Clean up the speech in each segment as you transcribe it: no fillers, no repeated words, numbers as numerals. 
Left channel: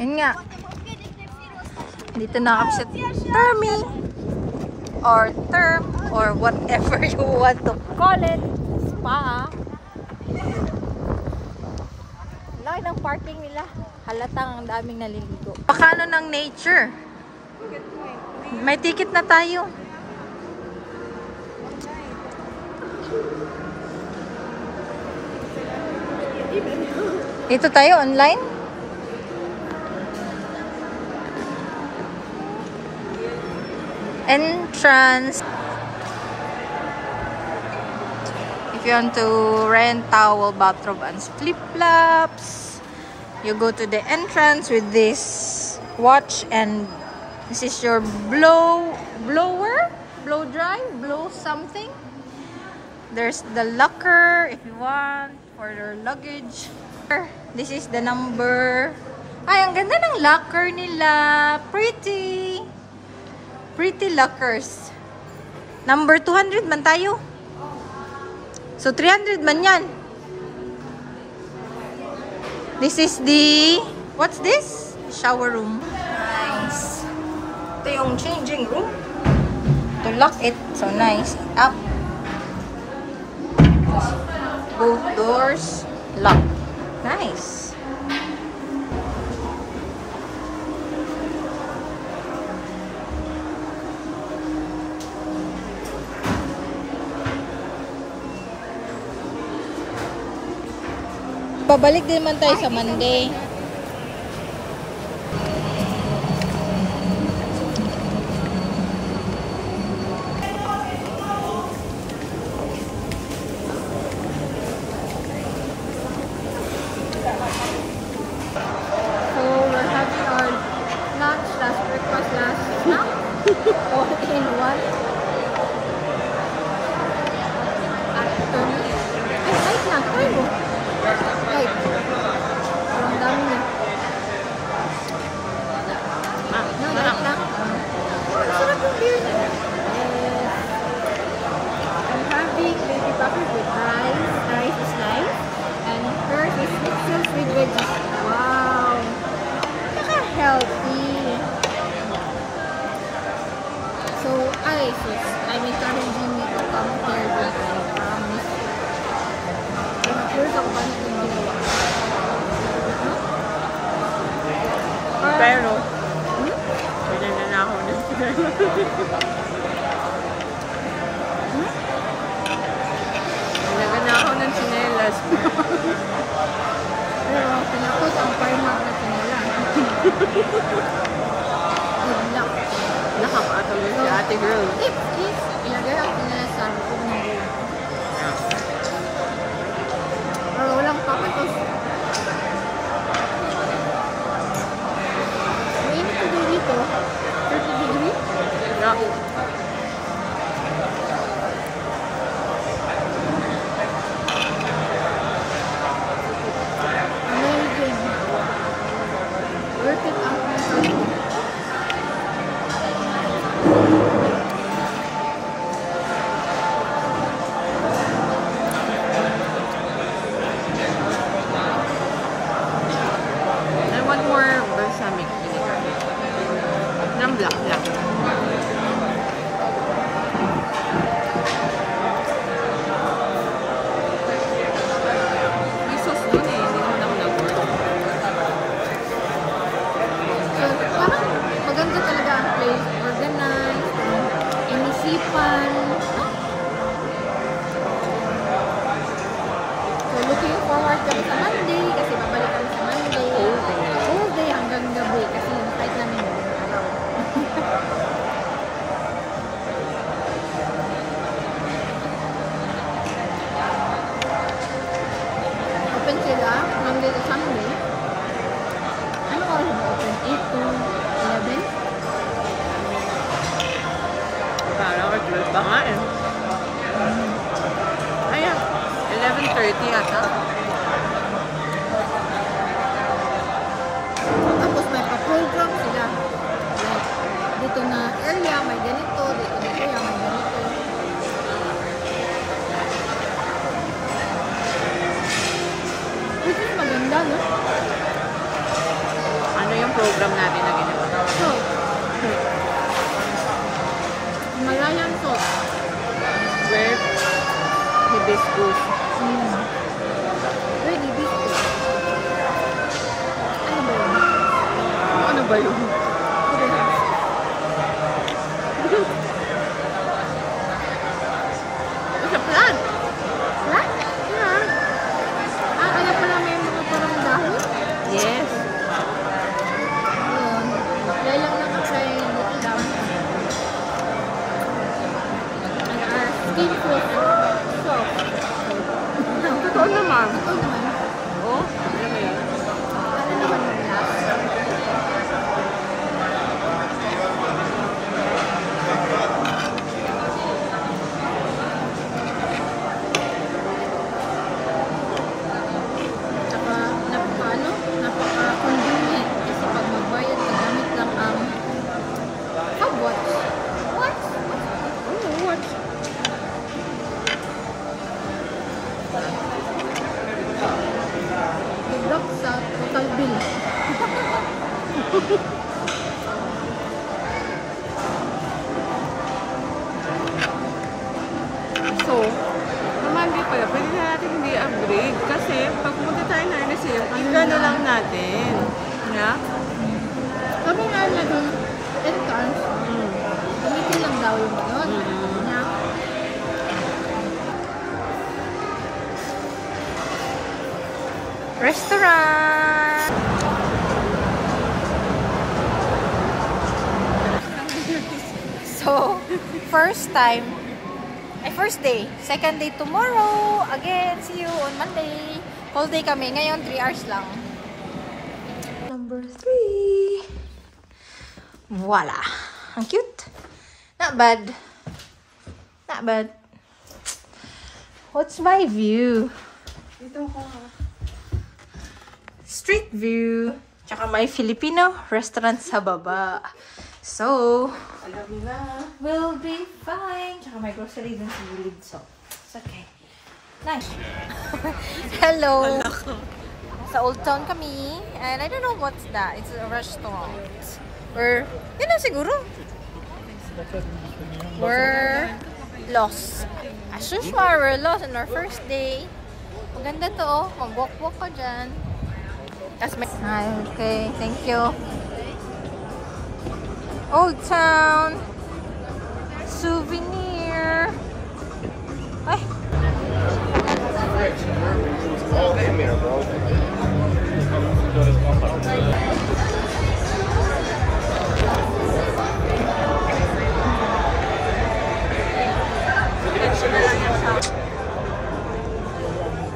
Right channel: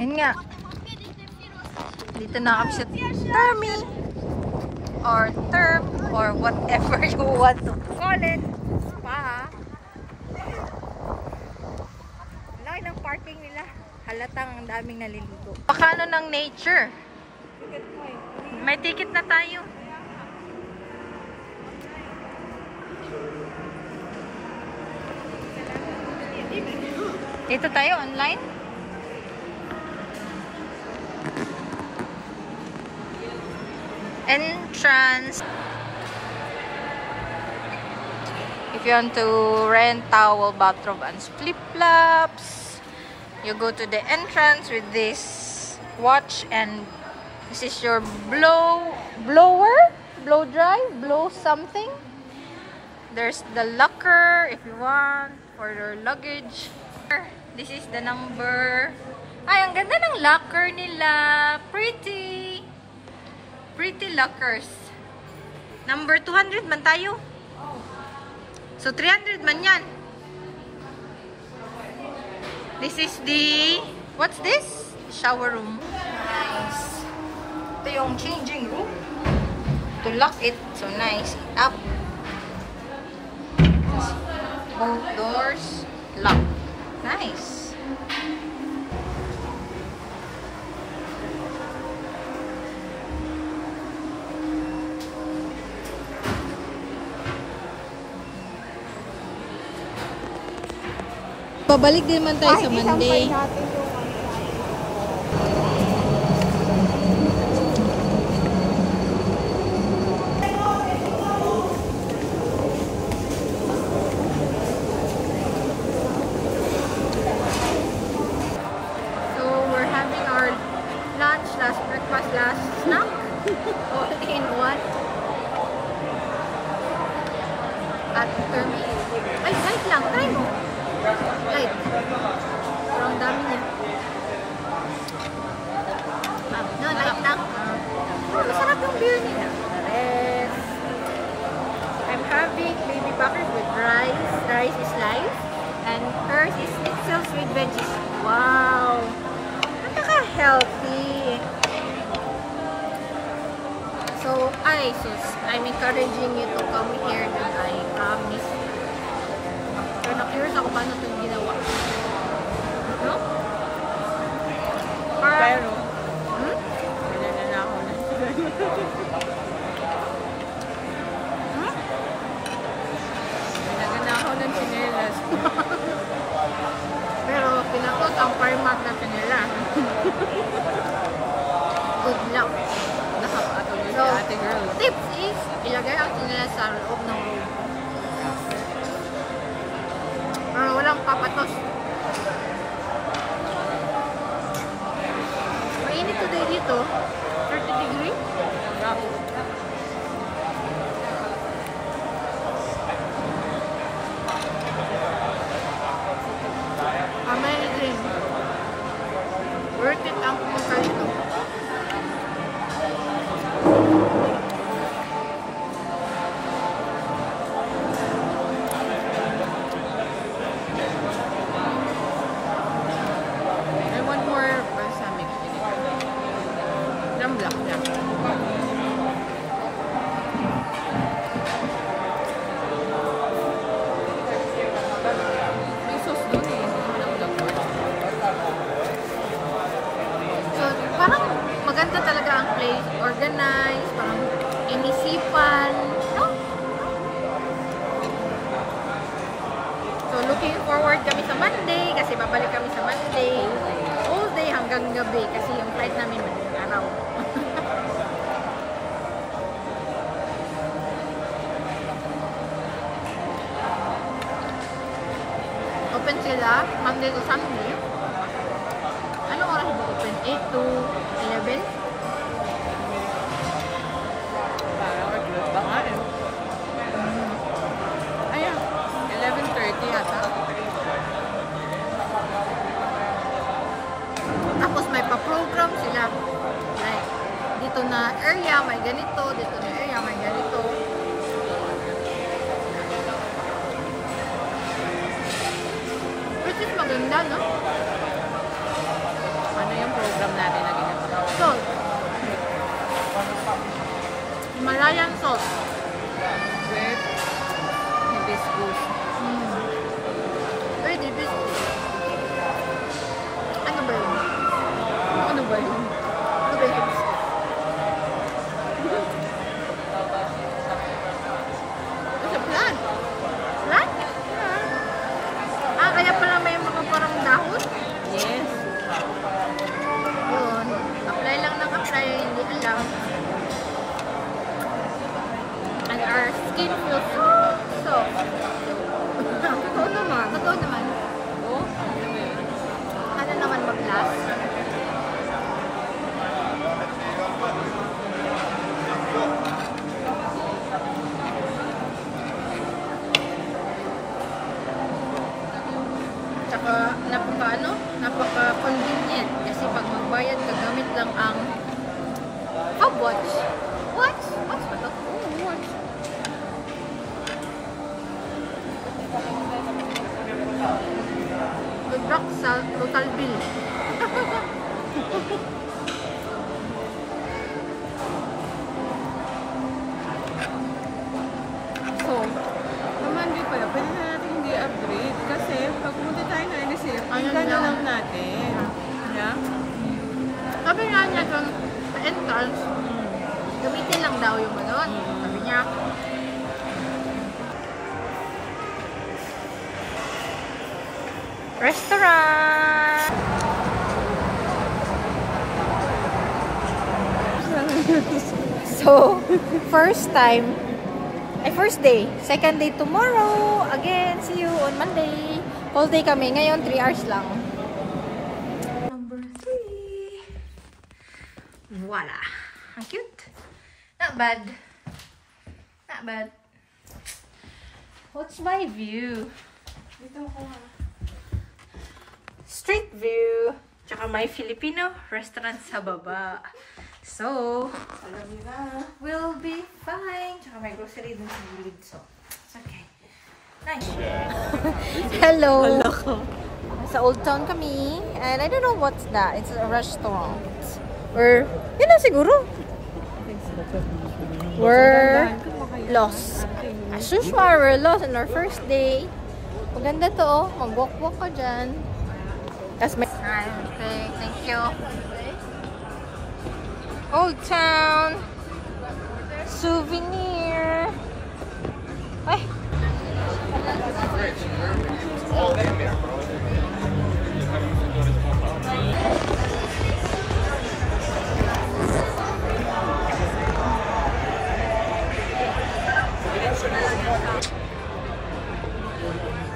Yun nga. Dito na kami sa Termi. Or term. Or whatever you want to call it. Spa. Laki ng parking nila. Halatang ang daming naliligo. Pakano ng nature. May ticket na tayo. Dito tayo online. Entrance. If you want to rent towel, bathrobe, and flip-flops, you go to the entrance with this watch, and this is your blower, blow dry, blow something. There's the locker if you want for your luggage. This is the number. Ay, ang ganda ng locker nila. Pretty. Pretty lockers. Number 200 man tayo. So, 300 man yan. This is the... What's this? Shower room. Nice. Ito yung changing room. To lock it. So, nice. Up. Both doors. Lock. Nice. Babalik din man tayo sa Monday. All in one at Termi. Ay, light lang. Try mo. Light. Parang dami niya. No, light lang. Masarap yung beer niya. Yes. I'm having baby coffee with rice. Rice is nice. And hers is mixed sauce with veggies. Wow. Healthy. So, I'm encouraging you to come here, I promise. Pero na-curious ako paano ito ginawa. No? Pero, pwede na ako na. Nagana ako ng sinelas. Pero, pinakot ang Primark na sinelas. Good luck. So, tip is, ilagay ang nila sa loob ng room. Pero walang papatos. Mainit today dito. 30 degree. Amazing. Worth it ang pumunta dito. Maganda talaga ang place, organized, inisipan, no? So, looking forward kami sa Monday, kasi babalik kami sa Monday. All day hanggang gabi, kasi yung flight namin naging araw. Open sila, Monday to Sunday. Anong oras ba open? 8 to 11? Parang mag-12 ba nga eh. Ayan, 11:30 ata. Tapos may pa-program sila. Like, dito na area may ganito, dito na area may ganito. Which is maganda, no? Ano yung ang program natin na ginawa? So, Himalayan salt. With hibiscus. With hibiscus. Ano ba yun? Ano ba yun? Ano ba yun? It's a plant. Plant? Ah, kaya pala may mga parang dahon? Yes. Yun. Apply lang ng apply, hindi alam. And our skin feels soft. Totoo naman. Totoo naman. Oh, alam mo yun. Ano naman mag-last? Tsaka, napaka-convenient kasi pag magbayad ka, gamit lang ang Hubwatch. What? What's that? Oh, what? Lubrak sa total bill. So, Naman dito, pwede na natin hindi upgrade kasi pag pumunta tayo na receive, Ano gano'n lang? lang natin. Na? sabi nga niya dun sa entrance, gamitin lang daw yung gano'n. Sabi niya, Restaurant! So, first day. Second day tomorrow. Again, see you on Monday. Whole day kami. Ngayon, 3 hours lang. Number 3. Voila. Ang cute. Not bad. Not bad. What's my view? Dito ko. Street view. Tsaka may Filipino restaurant sa baba. So, Alam mo na. we'll be fine. Tsaka may grocery dun sa gilid. So, it's okay. Nice. Hello. Sa Old Town kami. And I don't know what's that. It's a restaurant. Or, yun lang siguro. We're lost. As usual, we're lost on our first day. Maganda to, oh. Mag-walk-walk ka dyan. That's my... Okay, thank you. Old Town. Souvenir. Ay.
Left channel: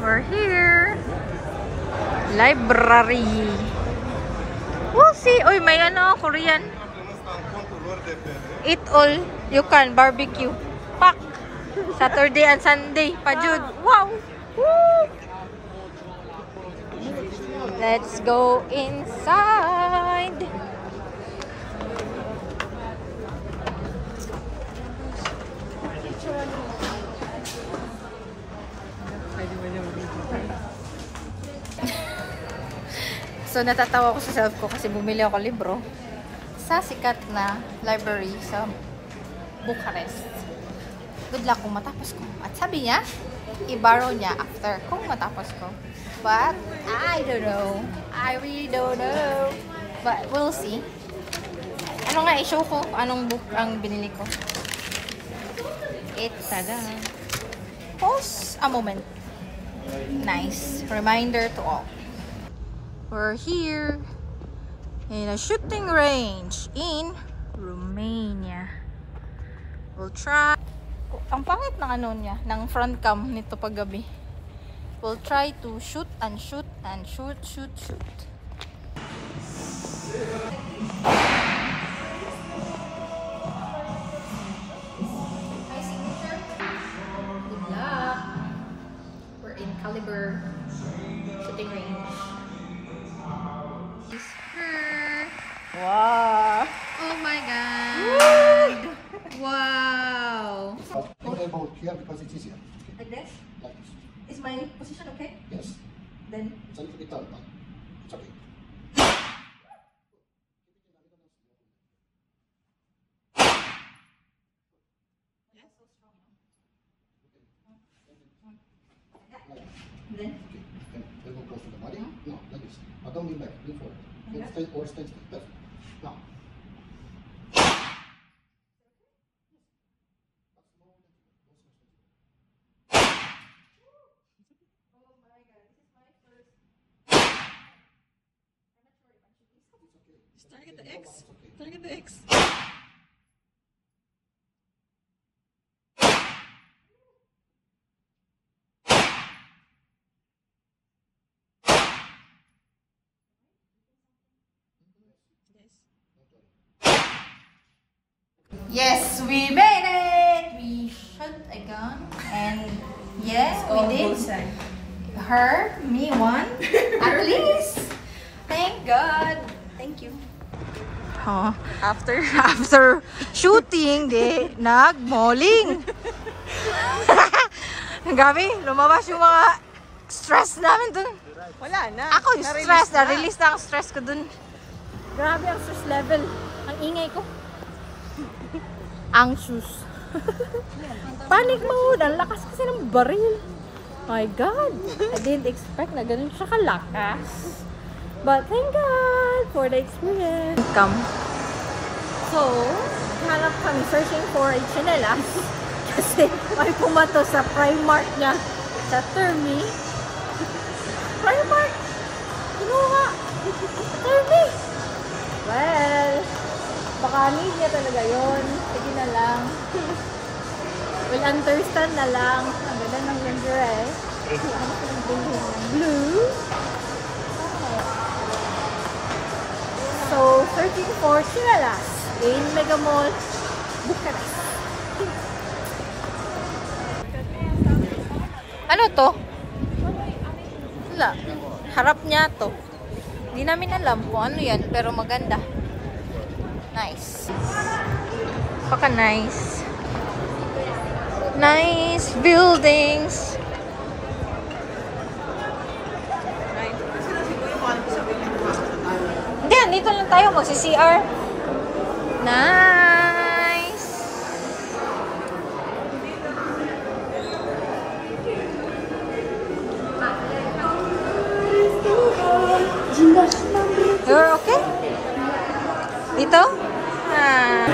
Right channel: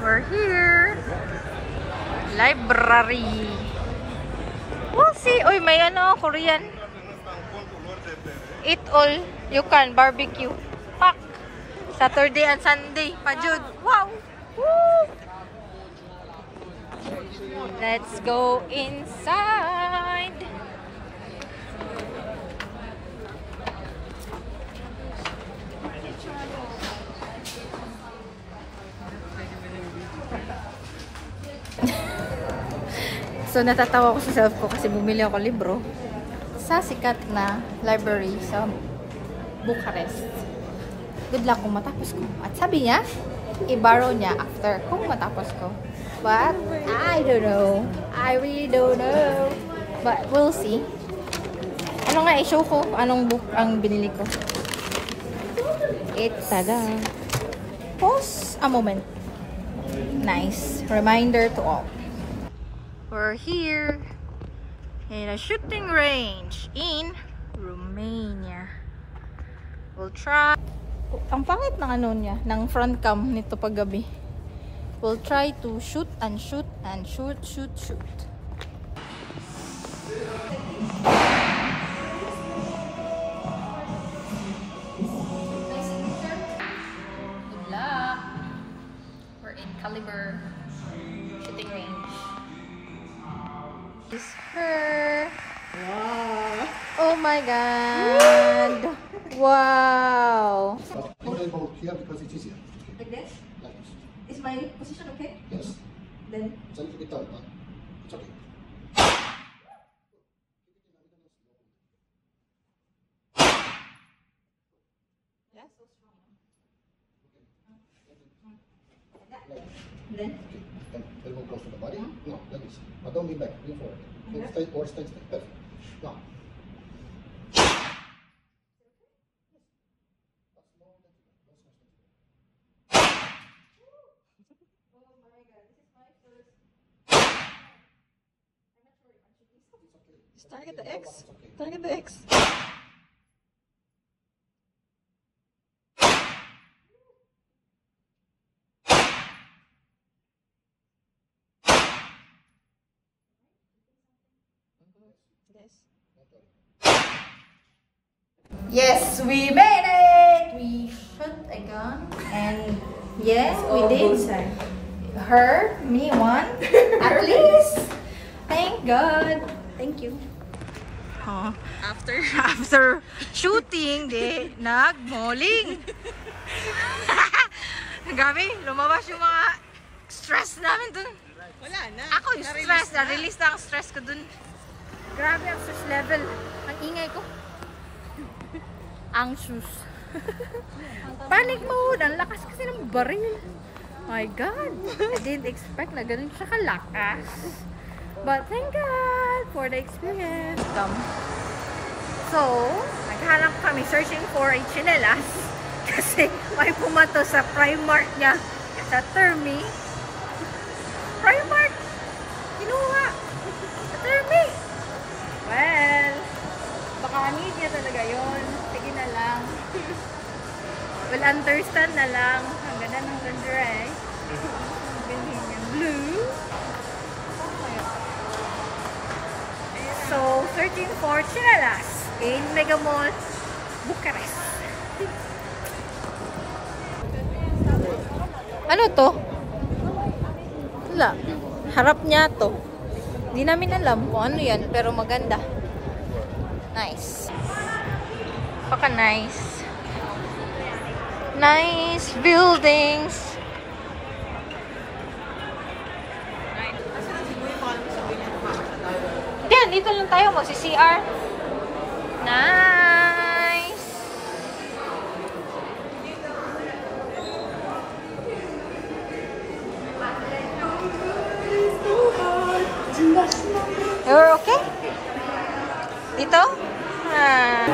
We're here. Library. We'll see. Uy, may ano, Korean. Eat all you can. Barbecue. Pak. Saturday and Sunday. Pajud. Wow. Woo. Let's go inside. So, natatawa ko sa self ko kasi bumili ako libro sa sikat na library sa Bucharest. Good luck kung matapos ko. At sabi niya, i-borrow niya after kung matapos ko. But, I don't know. I really don't know. But, we'll see. Ano nga, i-show ko anong book ang binili ko. It's... Pause a moment. Nice. Reminder to all. We're here in a shooting range in Romania. We'll try. Ang pangit ng ano niya, ng front cam nito paggabi. We'll try to shoot and shoot and shoot. Good luck. We're in Caliber shooting range. Is her. Wow. Oh my god. Wow. Put elbow here because it's easier. Like this? Like this. Is my position okay? Yes. Then It's a little bit tight, but it's okay. Then? Elbow close to the body. No, like this. Now don't lean back. Lean forward. Lean straight or straight. Perfect. Now. Target the X. Target the X. Yes, we made it! We shot a gun and yes, we did. Her, me, one. At least. Thank God. Thank you. Oh, after shooting, nag-malling. Gabi, lumabas yung mga stress namin dun. Wala na. Ako yung stress, na-release na ang stress ko dun. Grabe ang stress level. Ang ingay ko. Anxious. Panic mode. Ang lakas kasi ng baril. My God. I didn't expect na ganun siya kalakas. But thank God for the experience. So, naghanap kami searching for a chinelas. Kasi may pumato sa Primark niya. Sa Termi. Primark! Kinuha! Sa Termi! Well, baka need niya talaga yun. Sige na lang. Will understand na lang. Ang ganda ng lingerie. Ang gusto ng bilhin yung blue. So, searching for chinelas in Mega Mall, Bucharest. Ano to? Wala. Harap niya to. Hindi namin alam kung ano yan, pero maganda. Nice. Paka nice. Nice buildings. Hindi, dito lang tayo magsi-CR. Nice. You're okay? Dito? Ah.